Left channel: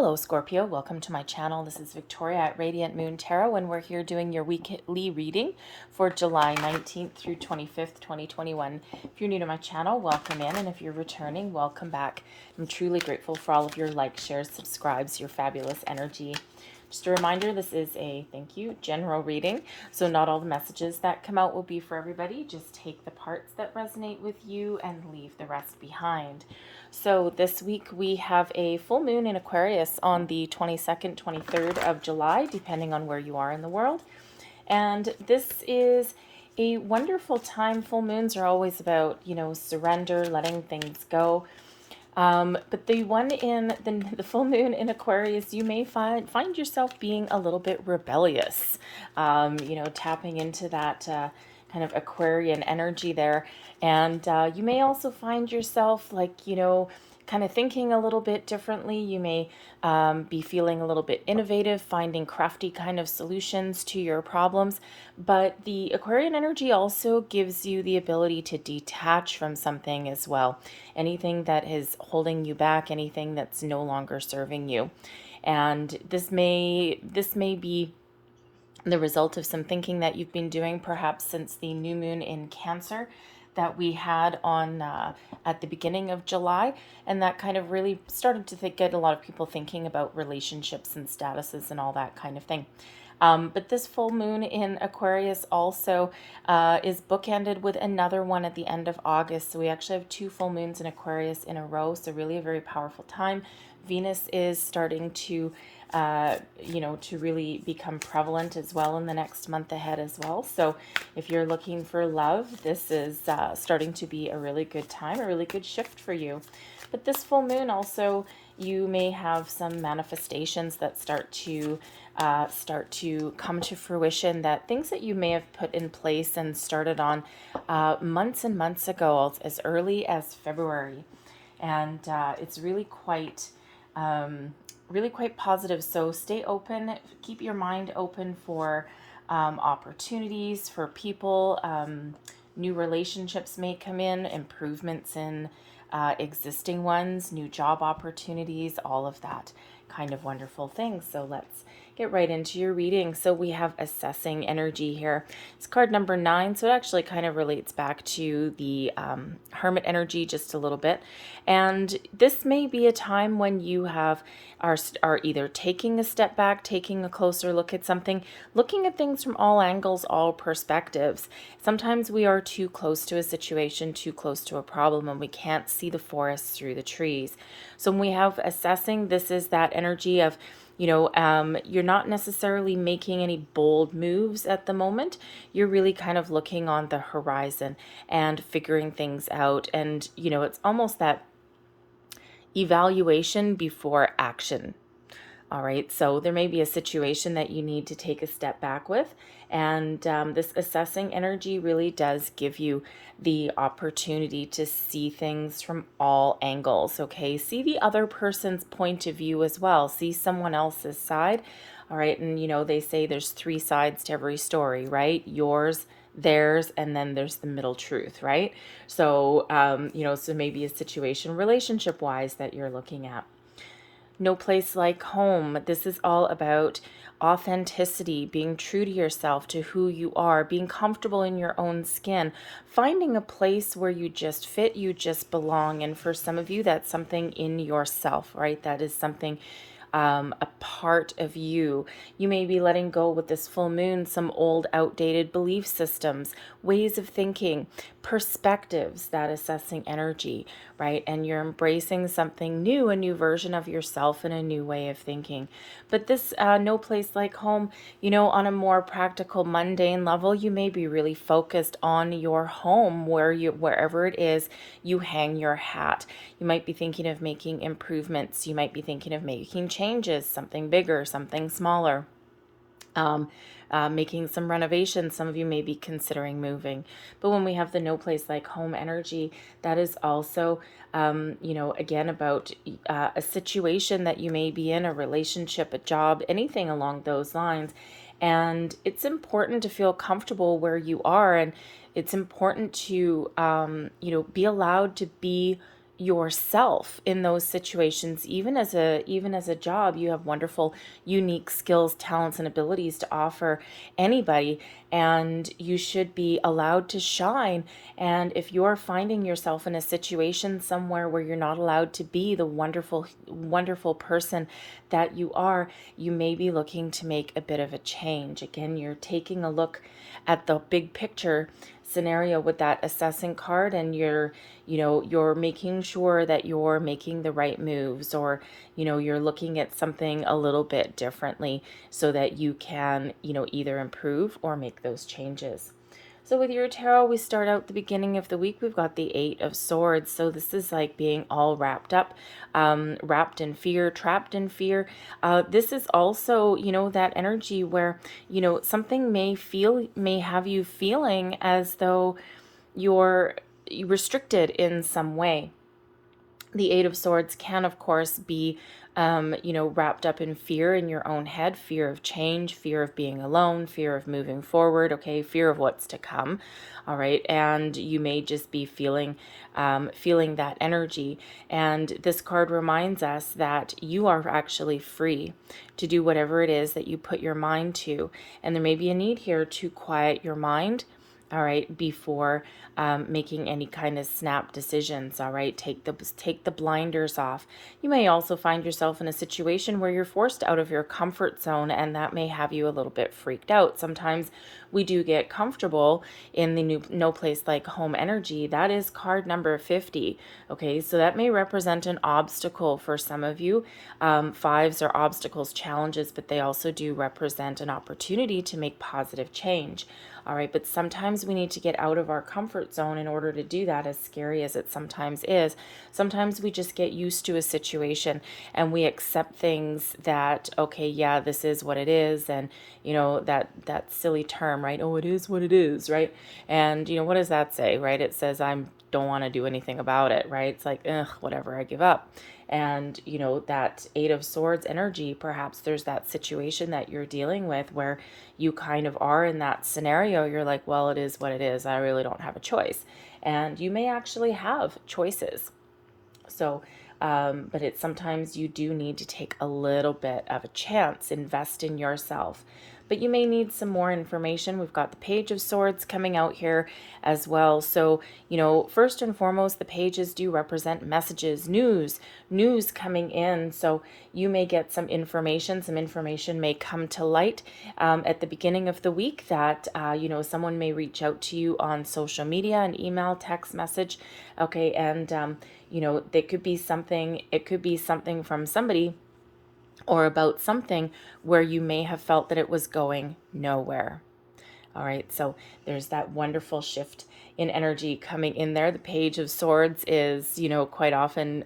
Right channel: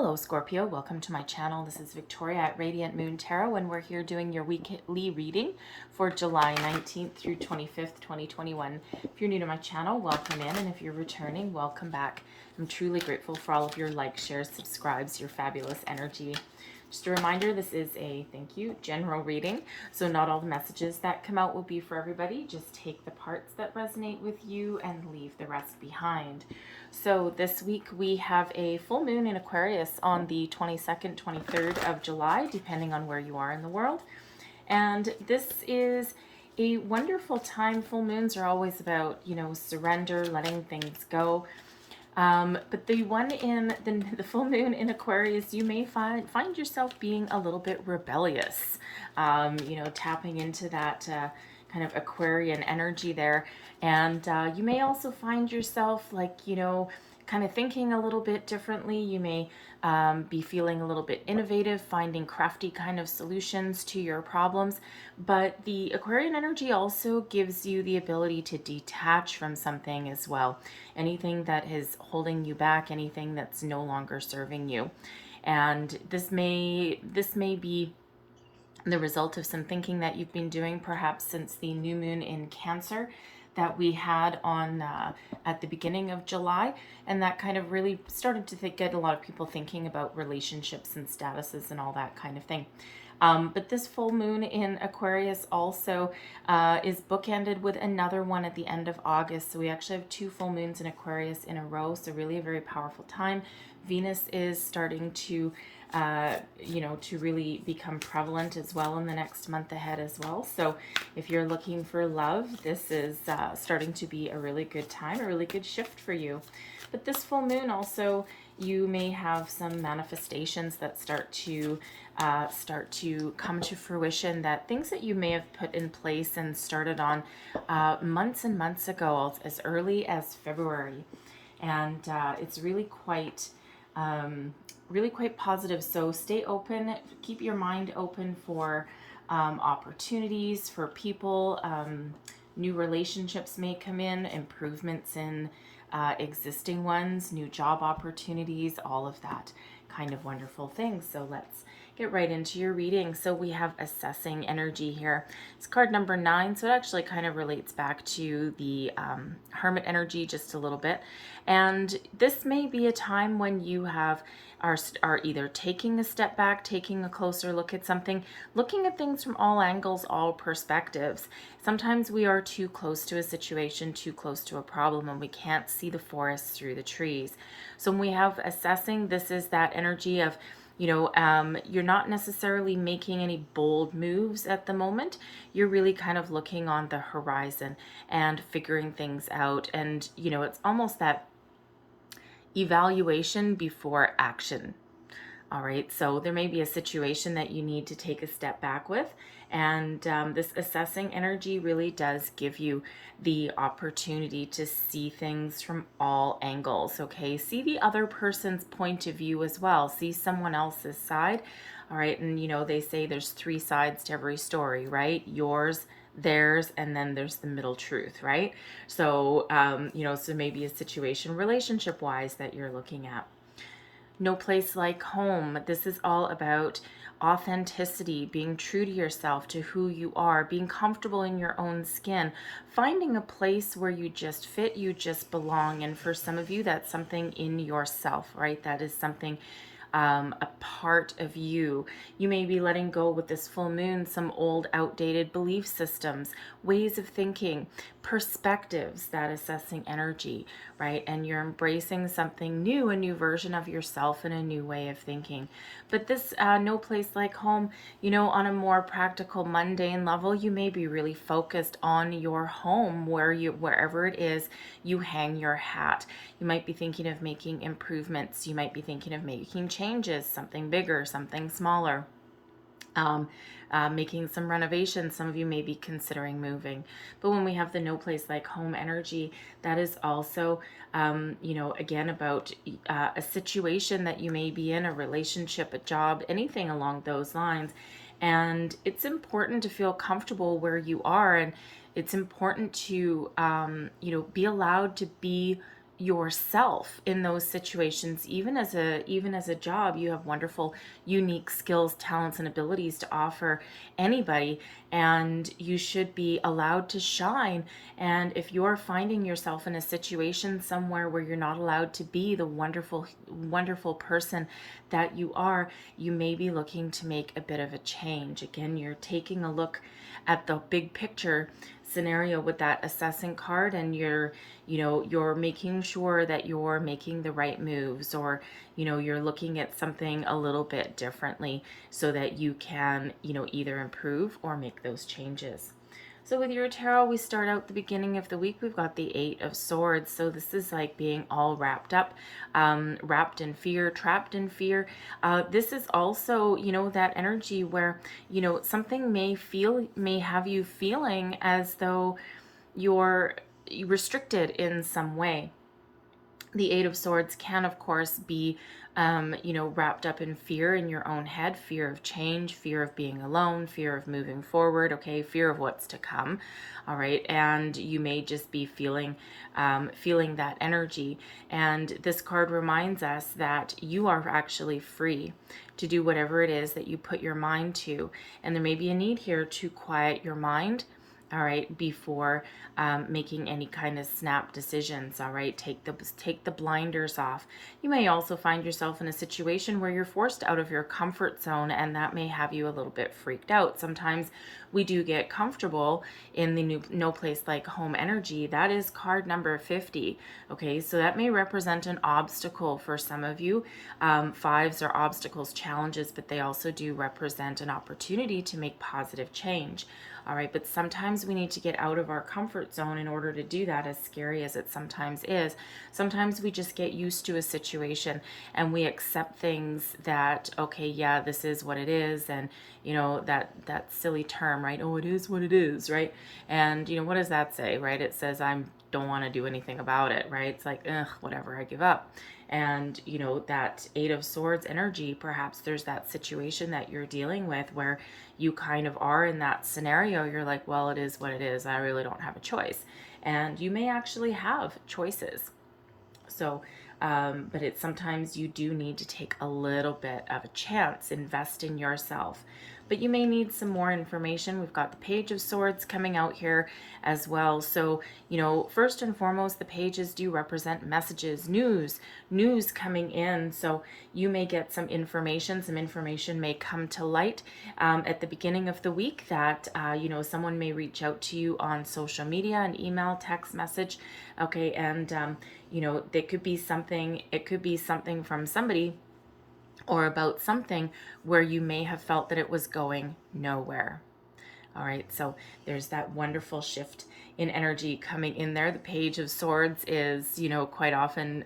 Hello Scorpio, welcome to my channel. This is Victoria at Radiant Moon Tarot, and we're here doing your weekly reading for July 19th through 25th, 2021. If you're new to my channel, welcome in, and if you're returning, welcome back. I'm truly grateful for all of your likes, shares, subscribes, your fabulous energy. Just a reminder, this is a, thank you, general reading, so not all the messages that come out will be for everybody. Just take the parts that resonate with you and leave the rest behind. So this week we have a full moon in Aquarius on the 22nd, 23rd of July, depending on where you are in the world. And this is a wonderful time. Full moons are always about, surrender, letting things go. But the one in the full moon in Aquarius, you may find yourself being a little bit rebellious, tapping into that kind of Aquarian energy there. And you may also find yourself kind of thinking a little bit differently. You may be feeling a little bit innovative, finding crafty kind of solutions to your problems. But the Aquarian energy also gives you the ability to detach from something as well. Anything that is holding you back, anything that's no longer serving you. And this may be the result of some thinking that you've been doing perhaps since the new moon in Cancer that we had on at the beginning of July, and that kind of really started to get a lot of people thinking about relationships and statuses and all that kind of thing. But this full moon in Aquarius also is bookended with another one at the end of August. So we actually have two full moons in Aquarius in a row, so really a very powerful time. Venus is starting to to really become prevalent as well in the next month ahead as well. So if you're looking for love, this is starting to be a really good time, a really good shift for you. But this full moon also, you may have some manifestations that start to come to fruition, that things that you may have put in place and started on months and months ago, as early as February. And it's really quite positive. So stay open, keep your mind open for opportunities, for people. New relationships may come in, improvements in existing ones, new job opportunities, all of that kind of wonderful things. So let's get right into your reading. So we have assessing energy here. It's card number 9, so it actually kind of relates back to the hermit energy just a little bit. And this may be a time when you are either taking a step back, taking a closer look at something, looking at things from all angles, all perspectives. Sometimes we are too close to a situation, too close to a problem, and we can't see the forest through the trees. So when we have assessing, this is that energy of you're not necessarily making any bold moves at the moment. You're really kind of looking on the horizon and figuring things out. And, it's almost that evaluation before action. All right, so there may be a situation that you need to take a step back with, and this assessing energy really does give you the opportunity to see things from all angles, okay? See the other person's point of view as well. See someone else's side, all right? And, they say there's 3 sides to every story, right? Yours, theirs, and then there's the middle truth, right? So, so maybe a situation relationship-wise that you're looking at. No place like home. This is all about authenticity, being true to yourself, to who you are, being comfortable in your own skin, finding a place where you just fit, you just belong. And for some of you, that's something in yourself, right? That is something a part of you. You may be letting go with this full moon some old outdated belief systems, ways of thinking, perspectives, that assessing energy, right? And you're embracing something new, a new version of yourself and a new way of thinking. But this no place like home, on a more practical, mundane level, you may be really focused on your home, wherever it is you hang your hat. You might be thinking of making improvements. You might be thinking of making changes, something bigger, something smaller. Making some renovations. Some of you may be considering moving. But when we have the no place like home energy, that is also, again, about a situation that you may be in, a relationship, a job, anything along those lines. And it's important to feel comfortable where you are. And it's important to, be allowed to be yourself in those situations. Even as a job, you have wonderful unique skills, talents, and abilities to offer anybody, and you should be allowed to shine. And if you're finding yourself in a situation somewhere where you're not allowed to be the wonderful person that you are, you may be looking to make a bit of a change. Again, you're taking a look at the big picture scenario with that assessing card, and you're making sure that you're making the right moves, or you're looking at something a little bit differently so that you can either improve or make those changes. So with your tarot, we start out the beginning of the week. We've got the Eight of Swords. So this is like being all wrapped up, wrapped in fear, trapped in fear. This is also, that energy where, something may have you feeling as though you're restricted in some way. The Eight of Swords can, of course, be wrapped up in fear in your own head, fear of change, fear of being alone, fear of moving forward, okay, fear of what's to come, all right, and you may just be feeling that energy. And this card reminds us that you are actually free to do whatever it is that you put your mind to, and there may be a need here to quiet your mind, all right, before making any kind of snap decisions, all right. Take the blinders off. You may also find yourself in a situation where you're forced out of your comfort zone, and that may have you a little bit freaked out. Sometimes we do get comfortable in the no place like home energy. That is card number 50. Okay, so that may represent an obstacle for some of you. Fives are obstacles, challenges, but they also do represent an opportunity to make positive change. All right, but sometimes we need to get out of our comfort zone in order to do that, as scary as it sometimes is. Sometimes we just get used to a situation and we accept things that, okay, yeah, this is what it is. And, that silly term, right? Oh, it is what it is, right? And, what does that say, right? It says, don't want to do anything about it, right? It's like, whatever, I give up. And, that Eight of Swords energy, perhaps there's that situation that you're dealing with where you kind of are in that scenario. You're like, well, it is what it is. I really don't have a choice. And you may actually have choices. So, but it's sometimes you do need to take a little bit of a chance, invest in yourself. But you may need some more information. We've got the Page of Swords coming out here as well. So, first and foremost, the pages do represent messages, news coming in. So you may get some information. Some information may come to light at the beginning of the week that, someone may reach out to you on social media, an email, text message. Okay. And, it could be something from somebody or about something where you may have felt that it was going nowhere. All right, so there's that wonderful shift in energy coming in there. The Page of Swords is, quite often,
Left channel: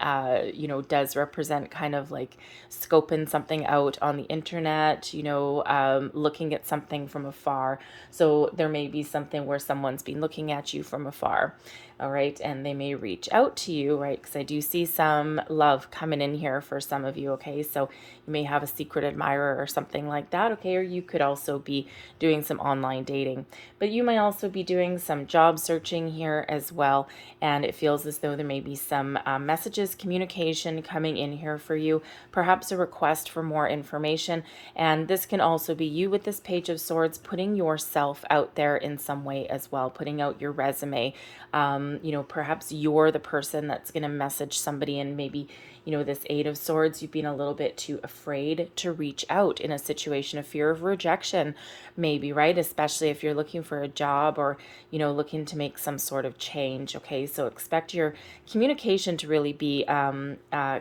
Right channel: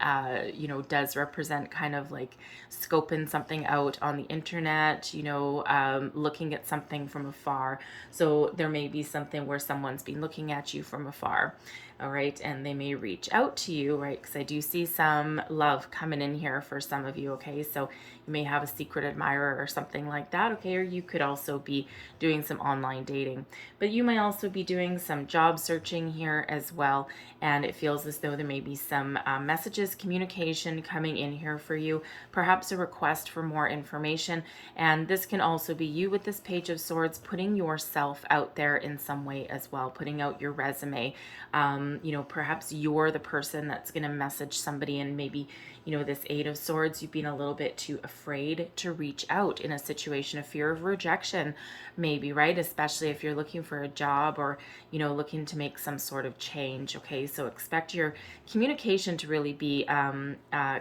does represent kind of like scoping something out on the internet, looking at something from afar. So there may be something where someone's been looking at you from afar. All right, and they may reach out to you, right? Because I do see some love coming in here for some of you, okay? So you may have a secret admirer or something like that, okay? Or you could also be doing some online dating. But you may also be doing some job searching here as well, and it feels as though there may be some messages, communication coming in here for you, perhaps a request for more information. And this can also be you with this Page of Swords putting yourself out there in some way as well, putting out your resume. Perhaps you're the person that's going to message somebody, and maybe, this Eight of Swords, you've been a little bit too afraid to reach out in a situation of fear of rejection, maybe, right? Especially if you're looking for a job or, looking to make some sort of change. Okay, so expect your communication to really be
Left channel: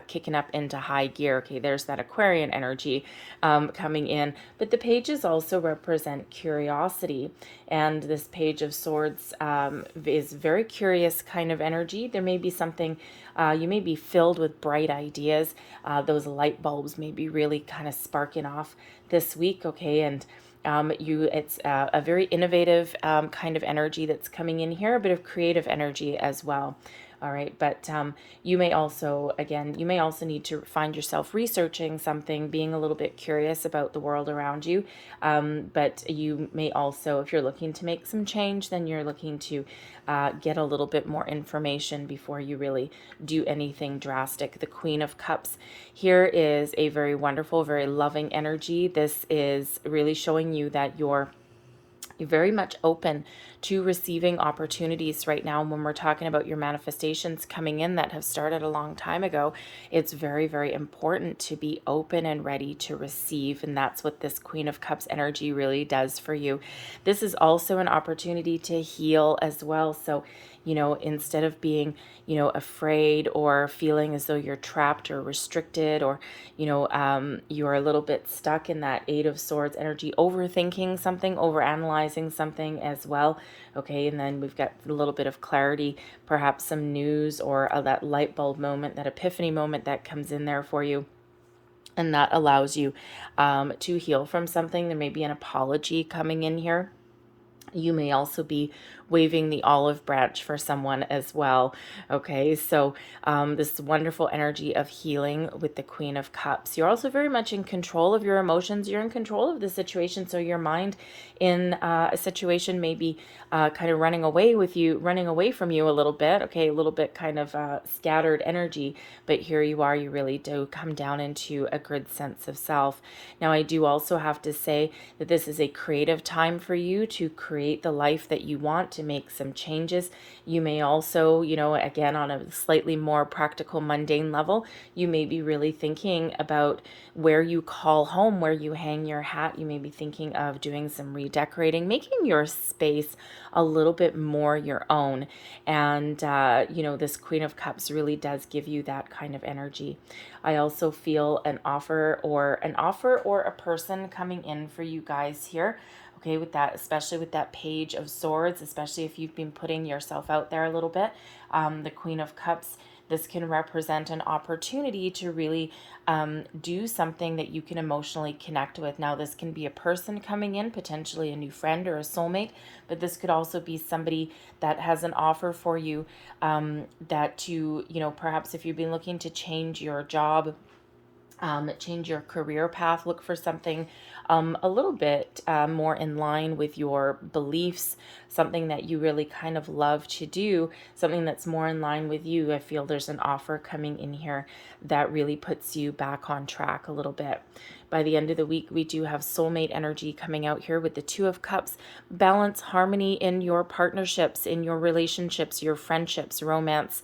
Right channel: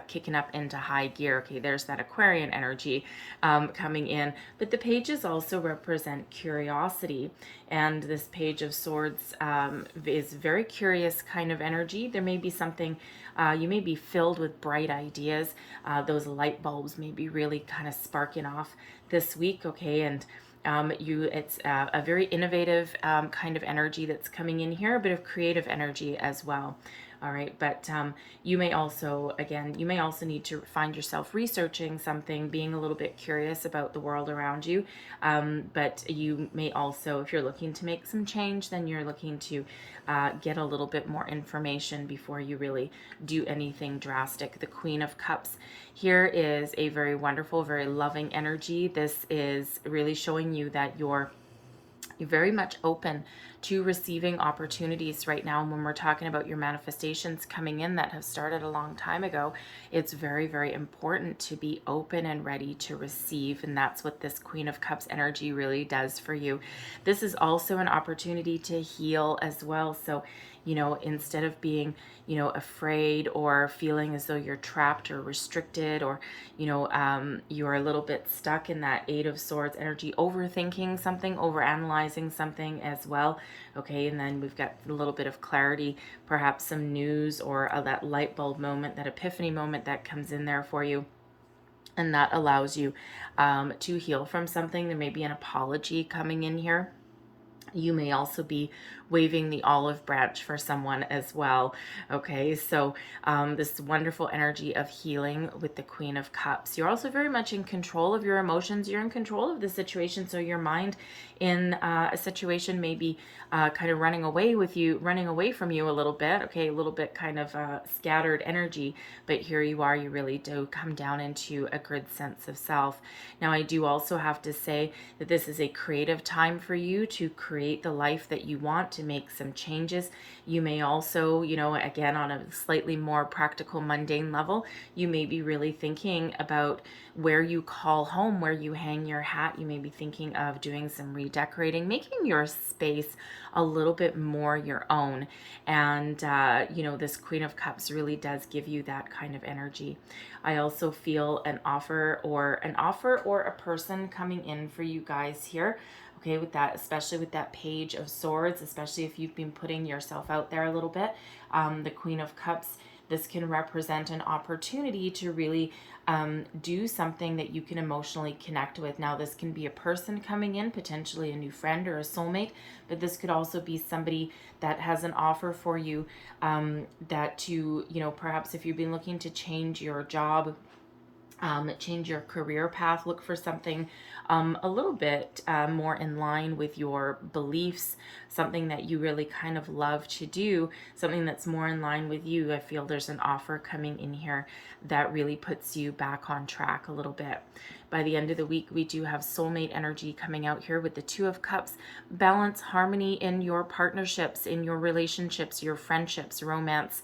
kicking up into high gear. Okay, there's that Aquarian energy coming in. But the pages also represent curiosity. And this Page of Swords is very curious kind of energy. There may be something, you may be filled with bright ideas. Those light bulbs may be really kind of sparking off this week, okay? And it's a very innovative kind of energy that's coming in here, a bit of creative energy as well. All right. But you may also, again, you may also need to find yourself researching something, being a little bit curious about the world around you. But you may also, if you're looking to make some change, then you're looking to get a little bit more information before you really do anything drastic. The Queen of Cups here is a very wonderful, very loving energy. This is really showing you that you're very much open to receiving opportunities right now. And when we're talking about your manifestations coming in that have started a long time ago, it's very, very important to be open and ready to receive. And that's what this Queen of Cups energy really does for you. This is also an opportunity to heal as well. So, instead of being, afraid or feeling as though you're trapped or restricted, or, you're a little bit stuck in that Eight of Swords energy, overthinking something, overanalyzing something as well. Okay, and then we've got a little bit of clarity, perhaps some news or that light bulb moment, that epiphany moment that comes in there for you. And that allows you to heal from something. There may be an apology coming in here. You may also be waving the olive branch for someone as well. Okay, so this wonderful energy of healing with the Queen of Cups. You're also very much in control of your emotions. You're in control of the situation. So your mind in a situation may be kind of running away from you a little bit. Okay, a little bit kind of scattered energy, but here you are. You really do come down into a good sense of self. Now, I do also have to say that this is a creative time for you to create the life that you want, to make some changes. You may also, again, on a slightly more practical, mundane level, you may be really thinking about where you call home, where you hang your hat. You may be thinking of doing some redecorating, making your space a little bit more your own. And, this Queen of Cups really does give you that kind of energy. I also feel an offer or a person coming in for you guys here. Okay, with that, especially with that Page of Swords, especially if you've been putting yourself out there a little bit. The Queen of Cups, this can represent an opportunity to really do something that you can emotionally connect with. Now, this can be a person coming in, potentially a new friend or a soulmate, but this could also be somebody that has an offer for you that you, perhaps if you've been looking to change your job, change your career path, look for something a little bit more in line with your beliefs, something that you really kind of love to do, something that's more in line with you. I feel there's an offer coming in here that really puts you back on track a little bit. By the end of the week, we do have soulmate energy coming out here with the Two of Cups. Balance, harmony in your partnerships, in your relationships, your friendships, romance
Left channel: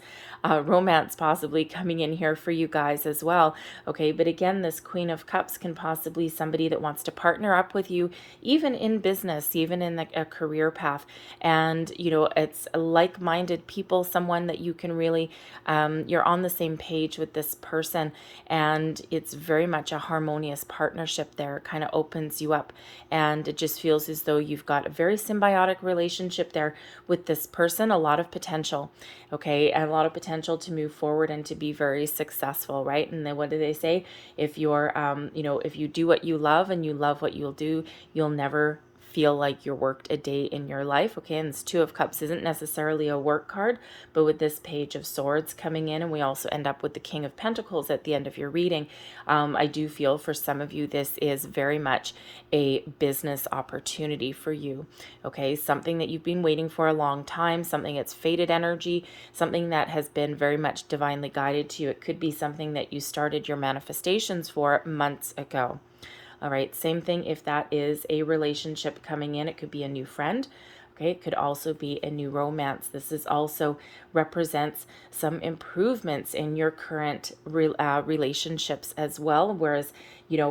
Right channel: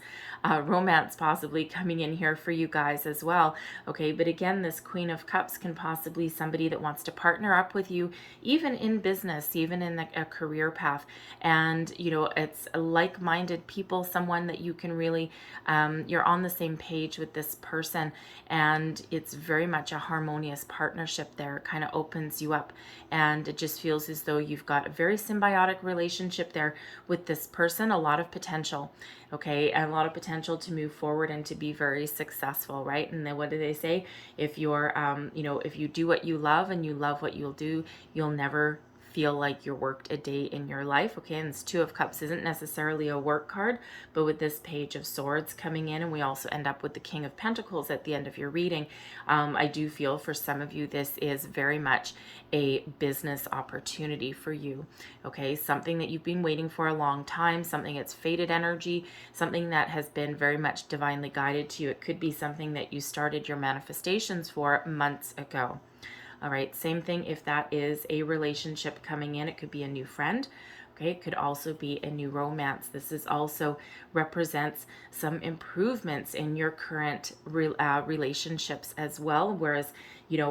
possibly coming in here for you guys as well. Okay, but again, this Queen of Cups can possibly somebody that wants to partner up with you, even in business, even in a career path. And, it's like-minded people, someone that you can really, you're on the same page with this person, and it's very much a harmonious partnership there. It kind of opens you up, and it just feels as though you've got a very symbiotic relationship there with this person, a lot of potential. Okay, and a lot of potential to move forward and to be very successful, right? And then what do they say? If you're, if you do what you love and you love what you'll do, you'll never feel like you're worked a day in your life. Okay, and this Two of Cups isn't necessarily a work card, but with this Page of Swords coming in, and we also end up with the King of Pentacles at the end of your reading, I do feel for some of you this is very much a business opportunity for you. Okay, something that you've been waiting for a long time, something that's fated energy, something that has been very much divinely guided to you. It could be something that you started your manifestations for months ago. All right, same thing if that is a relationship coming in. It could be a new friend. Okay, it could also be a new romance. This is also represents some improvements in your current relationships as well, whereas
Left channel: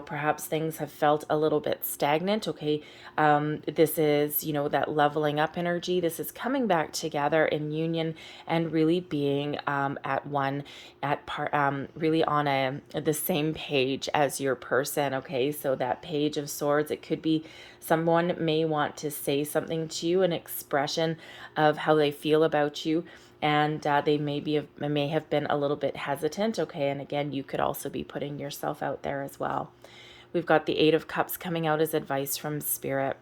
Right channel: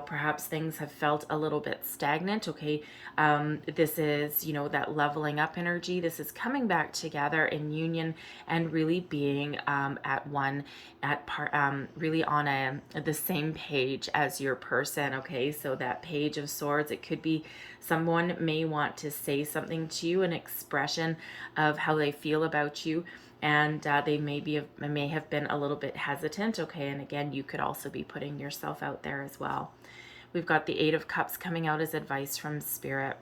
perhaps things have felt a little bit stagnant. Okay, this is that leveling up energy. This is coming back together in union and really being at one, really on the same page as your person. Okay, so that Page of Swords, it could be someone may want to say something to you, an expression of how they feel about you, and they may have been a little bit hesitant. Okay, and again, you could also be putting yourself out there as well. We've got the Eight of Cups coming out as advice from Spirit.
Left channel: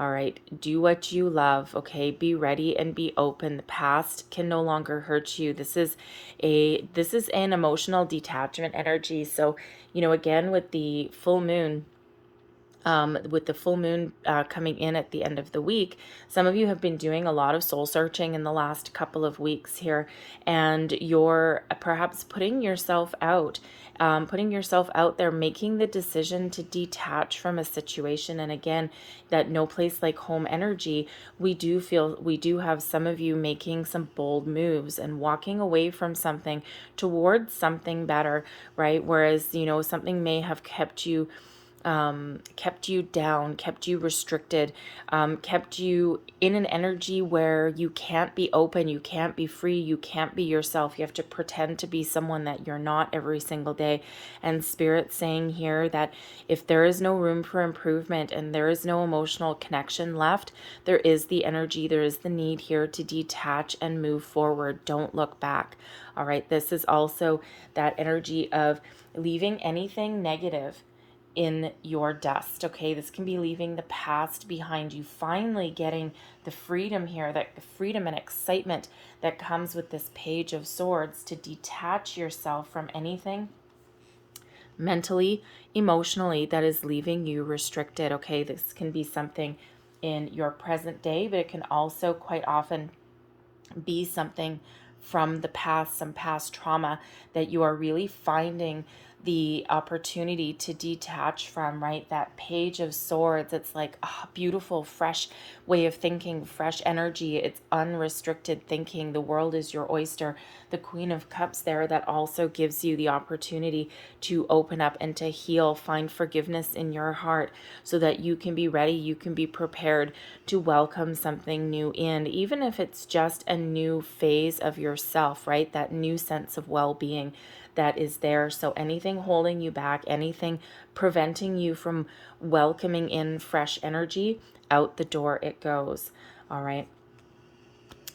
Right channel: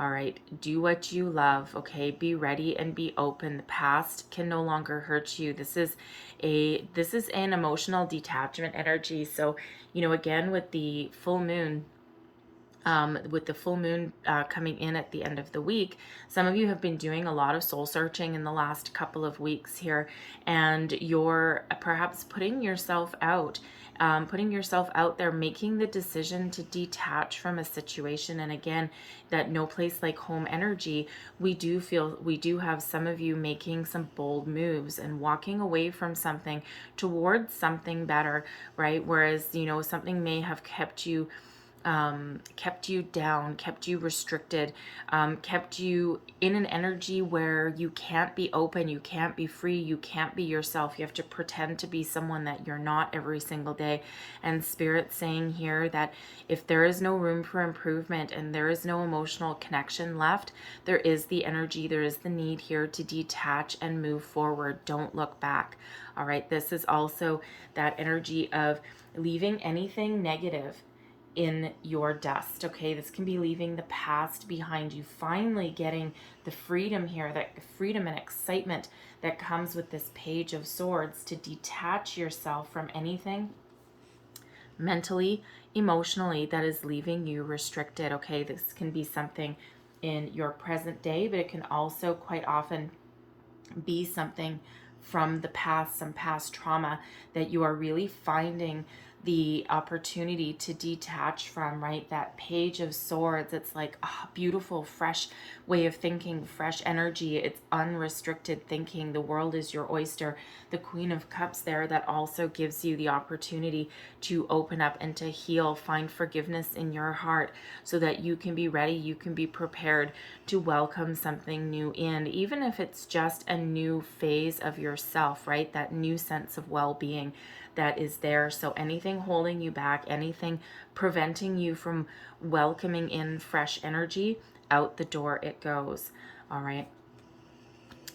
All right, do what you love, okay? Be ready and be open. The past can no longer hurt you. This is an emotional detachment energy. So, again, with the full moon coming in at the end of the week, some of you have been doing a lot of soul searching in the last couple of weeks here, and you're perhaps putting yourself out there, making the decision to detach from a situation. And again, that no place like home energy, we do have some of you making some bold moves and walking away from something towards something better, right? Whereas, something may have kept you down, kept you restricted, kept you in an energy where you can't be open, you can't be free, you can't be yourself. You have to pretend to be someone that you're not every single day. And Spirit saying here that if there is no room for improvement and there is no emotional connection left, there is the energy, there is the need here to detach and move forward. Don't look back. All right, this is also that energy of leaving anything negative in your dust. Okay, this can be leaving the past behind you, finally getting the freedom here, that freedom and excitement that comes with this Page of Swords, to detach yourself from anything mentally, emotionally, that is leaving you restricted. Okay, this can be something in your present day, but it can also quite often be something from the past, some past trauma that you are really finding the opportunity to detach from, right? That Page of Swords, it's like a beautiful, fresh way of thinking, fresh energy. It's unrestricted thinking. The world is your oyster. The Queen of Cups there, that also gives you the opportunity to open up and to heal, find forgiveness in your heart so that you can be ready, you can be prepared to welcome something new in, even if it's just a new phase of yourself, right? That new sense of well-being that is there. So anything holding you back, anything preventing you from welcoming in fresh energy, out the door it goes. All right.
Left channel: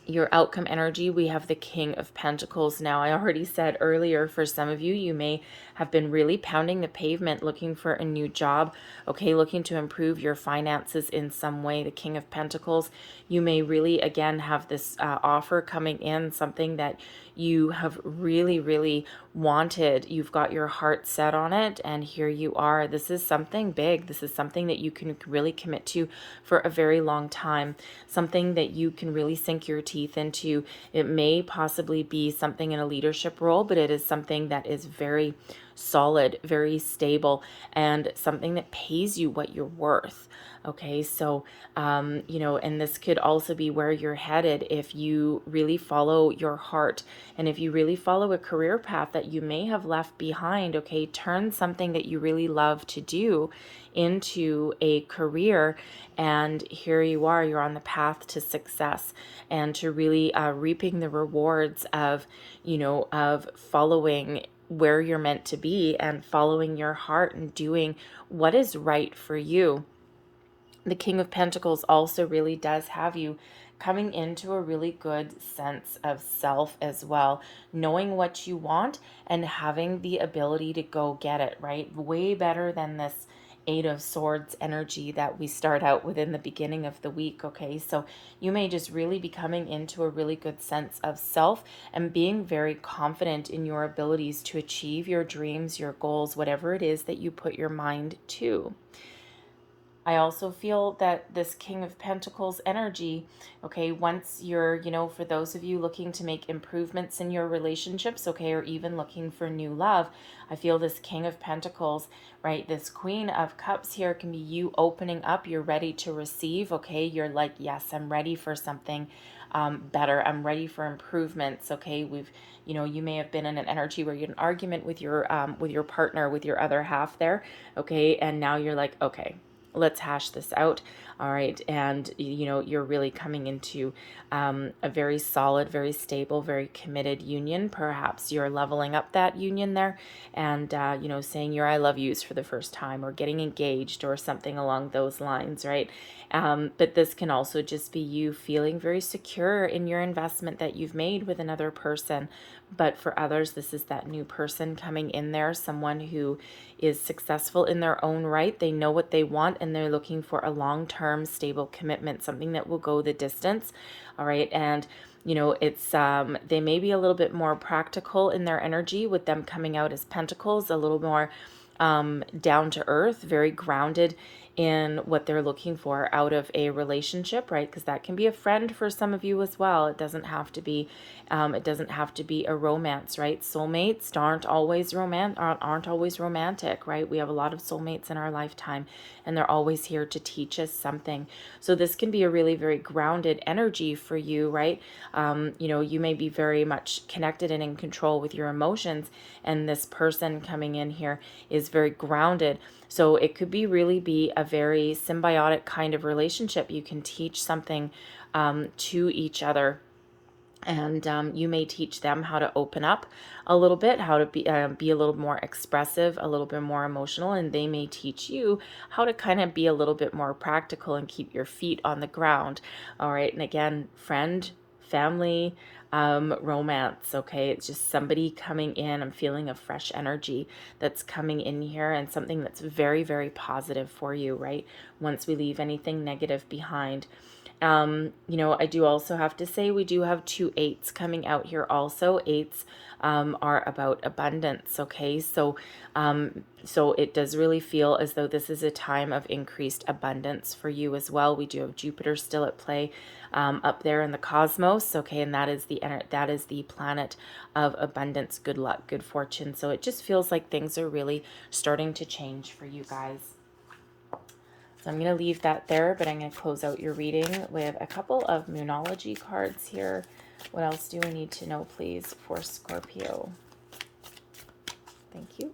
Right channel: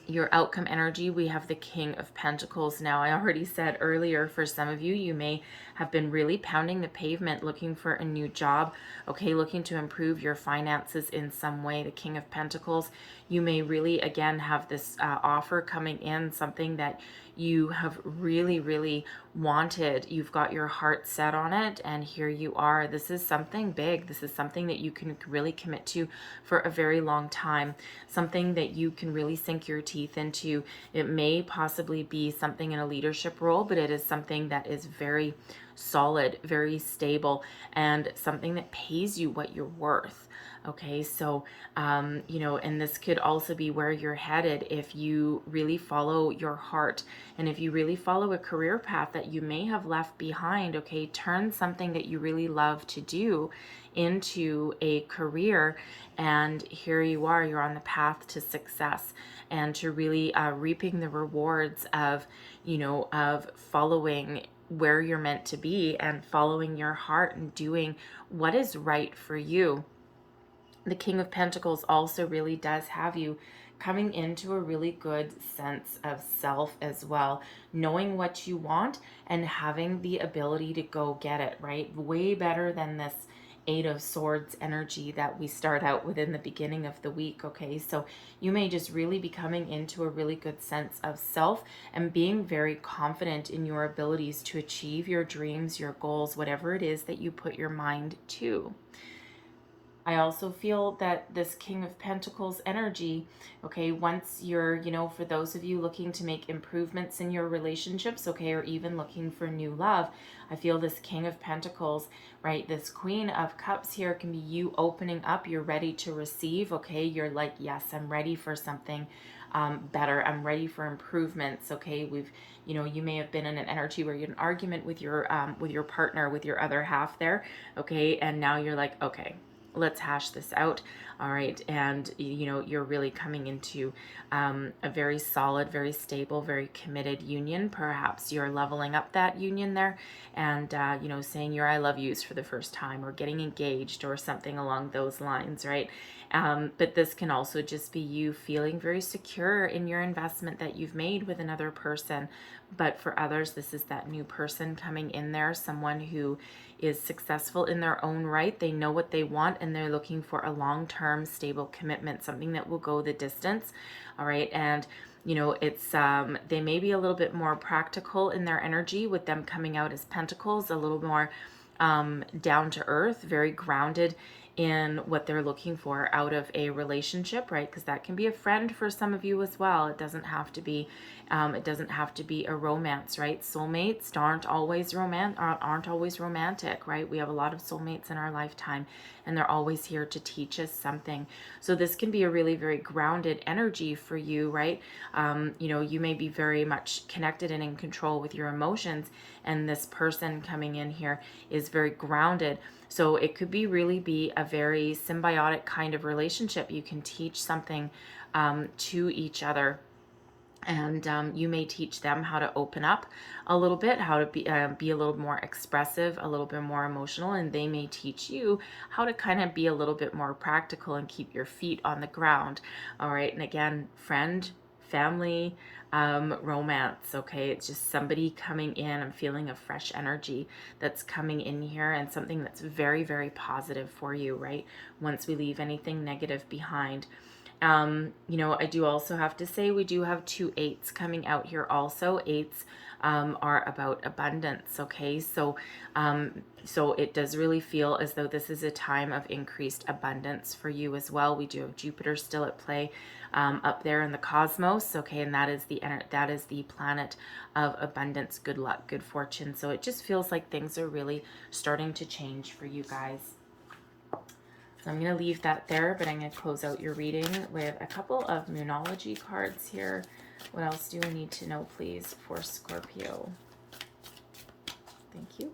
Your outcome energy, we have the King of Pentacles. Now, I already said earlier, for some of you, you may have been really pounding the pavement looking for a new job, okay, looking to improve your finances in some way. The King of Pentacles, you may really, again, have this offer coming in, something that you have really, really wanted. You've got your heart set on it, and here you are. This is something big. This is something that you can really commit to for a very long time, something that you can really sink your teeth into. It may possibly be something in a leadership role, but it is something that is very solid, very stable, and something that pays you what you're worth. Okay, so, and this could also be where you're headed if you really follow your heart, and if you really follow a career path that you may have left behind. Okay, turn something that you really love to do into a career, and here you are, you're on the path to success and to really reaping the rewards of, of following where you're meant to be and following your heart and doing what is right for you. The King of Pentacles also really does have you coming into a really good sense of self as well, knowing what you want and having the ability to go get it, right? Way better than this Eight of Swords energy that we start out with in the beginning of the week, okay? So you may just really be coming into a really good sense of self and being very confident in your abilities to achieve your dreams, your goals, whatever it is that you put your mind to. I also feel that this King of Pentacles energy, okay, once you're, for those of you looking to make improvements in your relationships, okay, or even looking for new love, I feel this King of Pentacles, right, this Queen of Cups here can be you opening up. You're ready to receive, okay? You're like, yes, I'm ready for something better. I'm ready for improvements, okay? You may have been in an energy where you had an argument with your partner, with your other half there, okay? And now you're like, okay, let's hash this out. All right. And, you're really coming into a very solid, very stable, very committed union. Perhaps you're leveling up that union there and, saying your I love yous for the first time, or getting engaged or something along those lines, right? But this can also just be you feeling very secure in your investment that you've made with another person. But for others, this is that new person coming in there, someone who is successful in their own right. They know what they want and they're looking for a long-term stable commitment, something that will go the distance. All right. And it's they may be a little bit more practical in their energy, with them coming out as pentacles, a little more down to earth, very grounded in what they're looking for out of a relationship, right? Because that can be a friend for some of you as well. It doesn't have to be a romance, right? Soulmates aren't always romantic, right? We have a lot of soulmates in our lifetime, and they're always here to teach us something. So this can be a really very grounded energy for you, right? You may be very much connected and in control with your emotions, and this person coming in here is very grounded. So it could be a very symbiotic kind of relationship. You can teach something to each other, and you may teach them how to open up a little bit, how to be a little more expressive, a little bit more emotional, and they may teach you how to kind of be a little bit more practical and keep your feet on the ground. All right. And again, friend, family, romance. Okay. It's just somebody coming in. I'm feeling a fresh energy that's coming in here, and something that's very, very positive for you, right? Once we leave anything negative behind. I do also have to say, we do have 2 8s coming out here also. 8s are about abundance. Okay. So it does really feel as though this is a time of increased abundance for you as well. We do have Jupiter still at play up there in the cosmos. Okay. And that is the planet of abundance, good luck, good fortune. So it just feels like things are really starting to change for you guys. So I'm going to leave that there, but I'm going to close out your reading with a couple of Moonology cards here. What else do we need to know, please, for Scorpio? Thank you.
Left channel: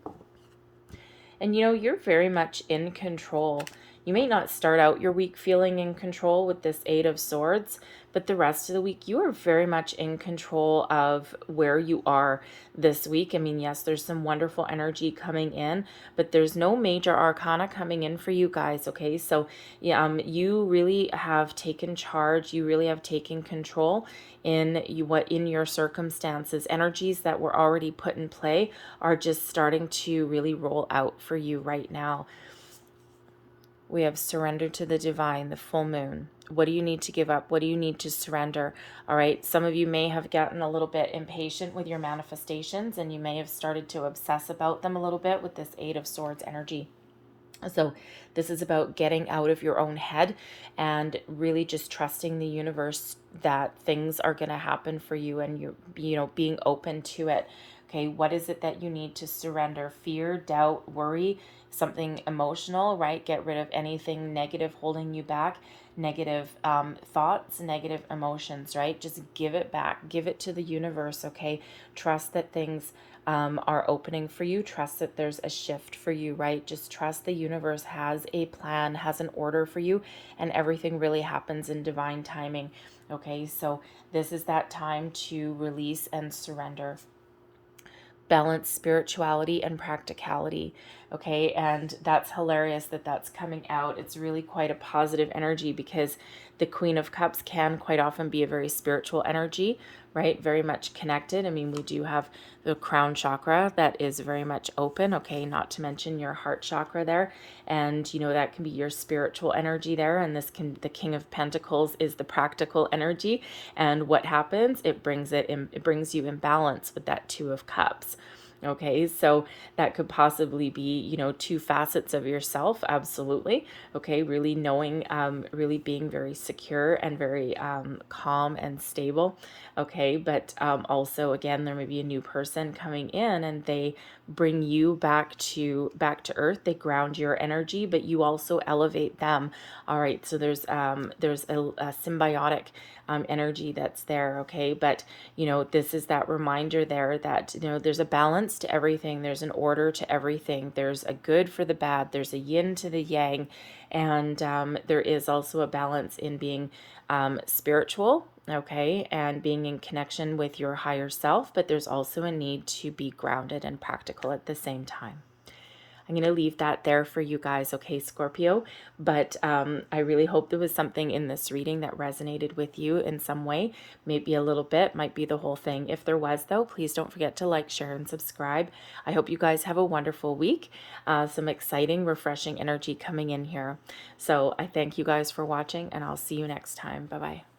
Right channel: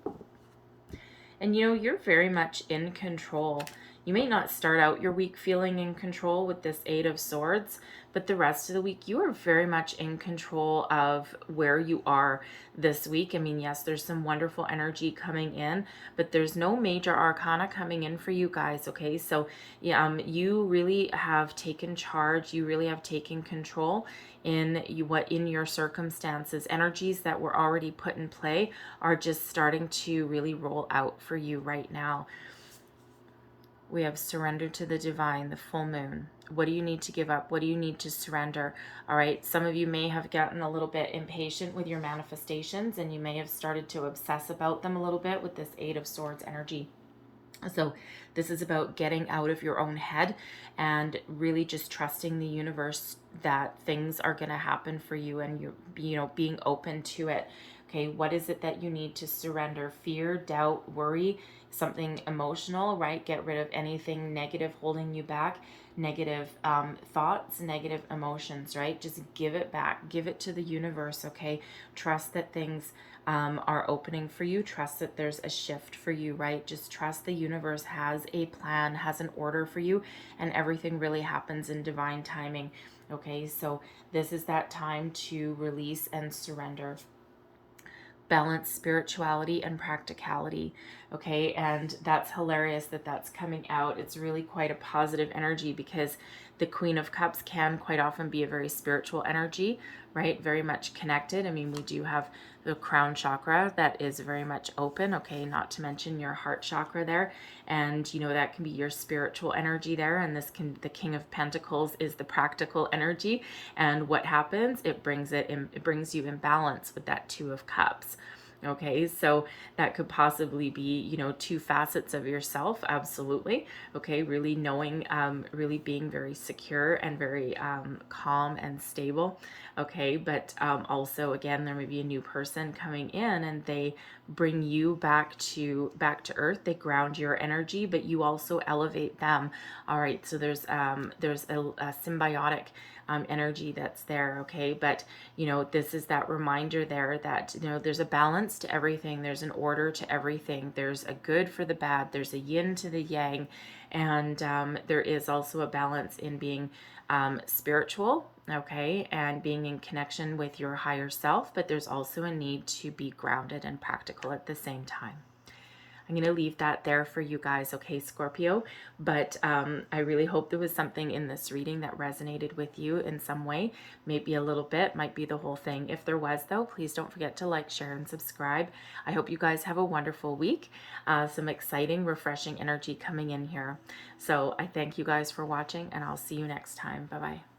And you're very much in control. You may not start out your week feeling in control with this 8 of Swords, but the rest of the week you are very much in control of where you are this week. I mean, yes, there's some wonderful energy coming in, but there's no major arcana coming in for you guys, okay? So you really have taken charge. You really have taken control in your circumstances. Energies that were already put in play are just starting to really roll out for you right now. We have surrender to the divine, the full moon. What do you need to give up? What do you need to surrender? All right. Some of you may have gotten a little bit impatient with your manifestations, and you may have started to obsess about them a little bit with this 8 of Swords energy. So this is about getting out of your own head and really just trusting the universe that things are going to happen for you, and you being open to it. Okay. What is it that you need to surrender? Fear, doubt, worry, something emotional, right? Get rid of anything negative holding you back, negative thoughts, negative emotions, right? Just give it back, give it to the universe. Okay. Trust that things are opening for you. Trust that there's a shift for you, right? Just trust the universe has a plan, has an order for you, and everything really happens in divine timing. Okay. So this is that time to release and surrender. Balance spirituality and practicality. Okay. And that's hilarious that that's coming out. It's really quite a positive energy, because the Queen of Cups can quite often be a very spiritual energy, right? Very much connected. I mean, we do have the crown chakra that is very much open, okay, not to mention your heart chakra there. And, that can be your spiritual energy there. And the King of Pentacles is the practical energy. And what happens? It brings you in balance with that 2 of Cups. Okay, so that could possibly be, 2 facets of yourself. Absolutely. Okay, really knowing, really being very secure and very calm and stable. Okay, but also, again, there may be a new person coming in, and they bring you back to earth. They ground your energy, but you also elevate them. All right, so there's a symbiotic energy that's there. Okay, but this is that reminder there that there's a balance to everything. There's an order to everything. There's a good for the bad. There's a yin to the yang, and there is also a balance in being spiritual, okay, and being in connection with your higher self, but there's also a need to be grounded and practical at the same time. I'm going to leave that there for you guys, okay, Scorpio? But I really hope there was something in this reading that resonated with you in some way. Maybe a little bit, might be the whole thing. If there was, though, please don't forget to like, share, and subscribe. I hope you guys have a wonderful week. Some exciting, refreshing energy coming in here. So I thank you guys for watching, and I'll see you next time. Bye-bye.